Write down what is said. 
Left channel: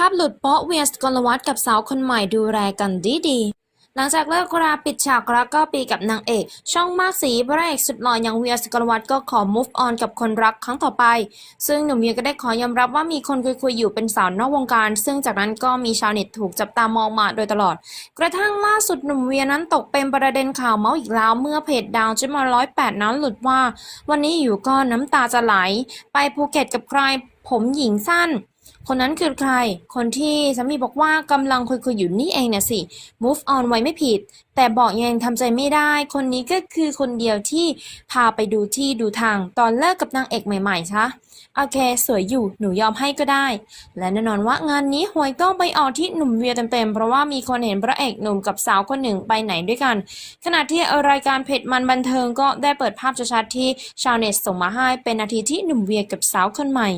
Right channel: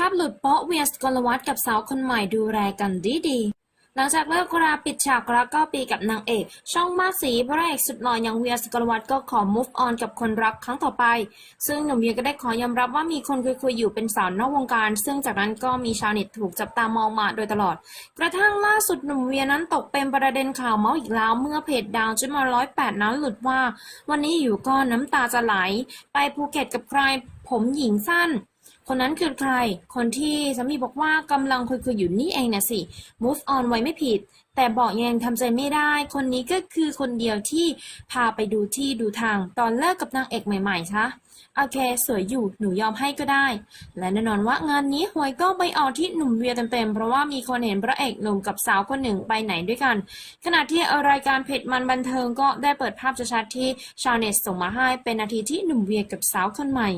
ภาพหลุดโป๊ะเวียสกลวัฒกับสาวคนใหม่ดูแลกันดีดีหลังจากเลิกราปิดฉากรักก็ปีกับนางเอก ช่องมากสีพระเอกสุดหล่ออย่างเวียสกลวัฒก็ขอ move on กับคนรักครั้งต่อไป ซึ่งหนุ่มเวียก็ได้ขอยอมรับว่ามีคนคุยๆอยู่เป็นสาวนอกวงการ ซึ่งจากนั้นก็มีชาวเน็ตถูกจับตามองมาโดยตลอด กระทั่งล่าสุดหนุ่มเวียนั้นตกเป็นประเด็นข่าวเมาส์อีกแล้ว เมื่อเพจดาวจิมาร้อยแปดนั้นหลุดว่า วันนี้อยู่ก็น้ำตาจะไหล ไปภูเก็ตกับใคร ผมหญิงสั้น คนนั้นคือใคร คนที่สามีบอกว่ากำลังคุยๆอยู่นี่เองนะสิ move on ไว้ไม่ผิด แต่บอกยังทำใจไม่ได้ คนนี้ก็คือคนเดียวที่พาไปดูที่ดูทาง ตอนเลิกกับนางเอกใหม่ๆคะโอเค สวยอยู่ หนูยอมให้ก็ได้ และแน่นอนว่างานนี้หวยก็ไปออกที่หนุ่มเวียเต็มๆ เพราะว่ามีคนเห็นพระเอกหนุ่มกับสาวคนหนึ่งไปไหนด้วยกัน ขณะที่รายการเพจมันบันเทิงก็ได้เปิดภาพชัดๆที่ชาวเน็ตส่งมาให้เป็นนาทีที่หนุ่มเวียกับสาวคนใหม่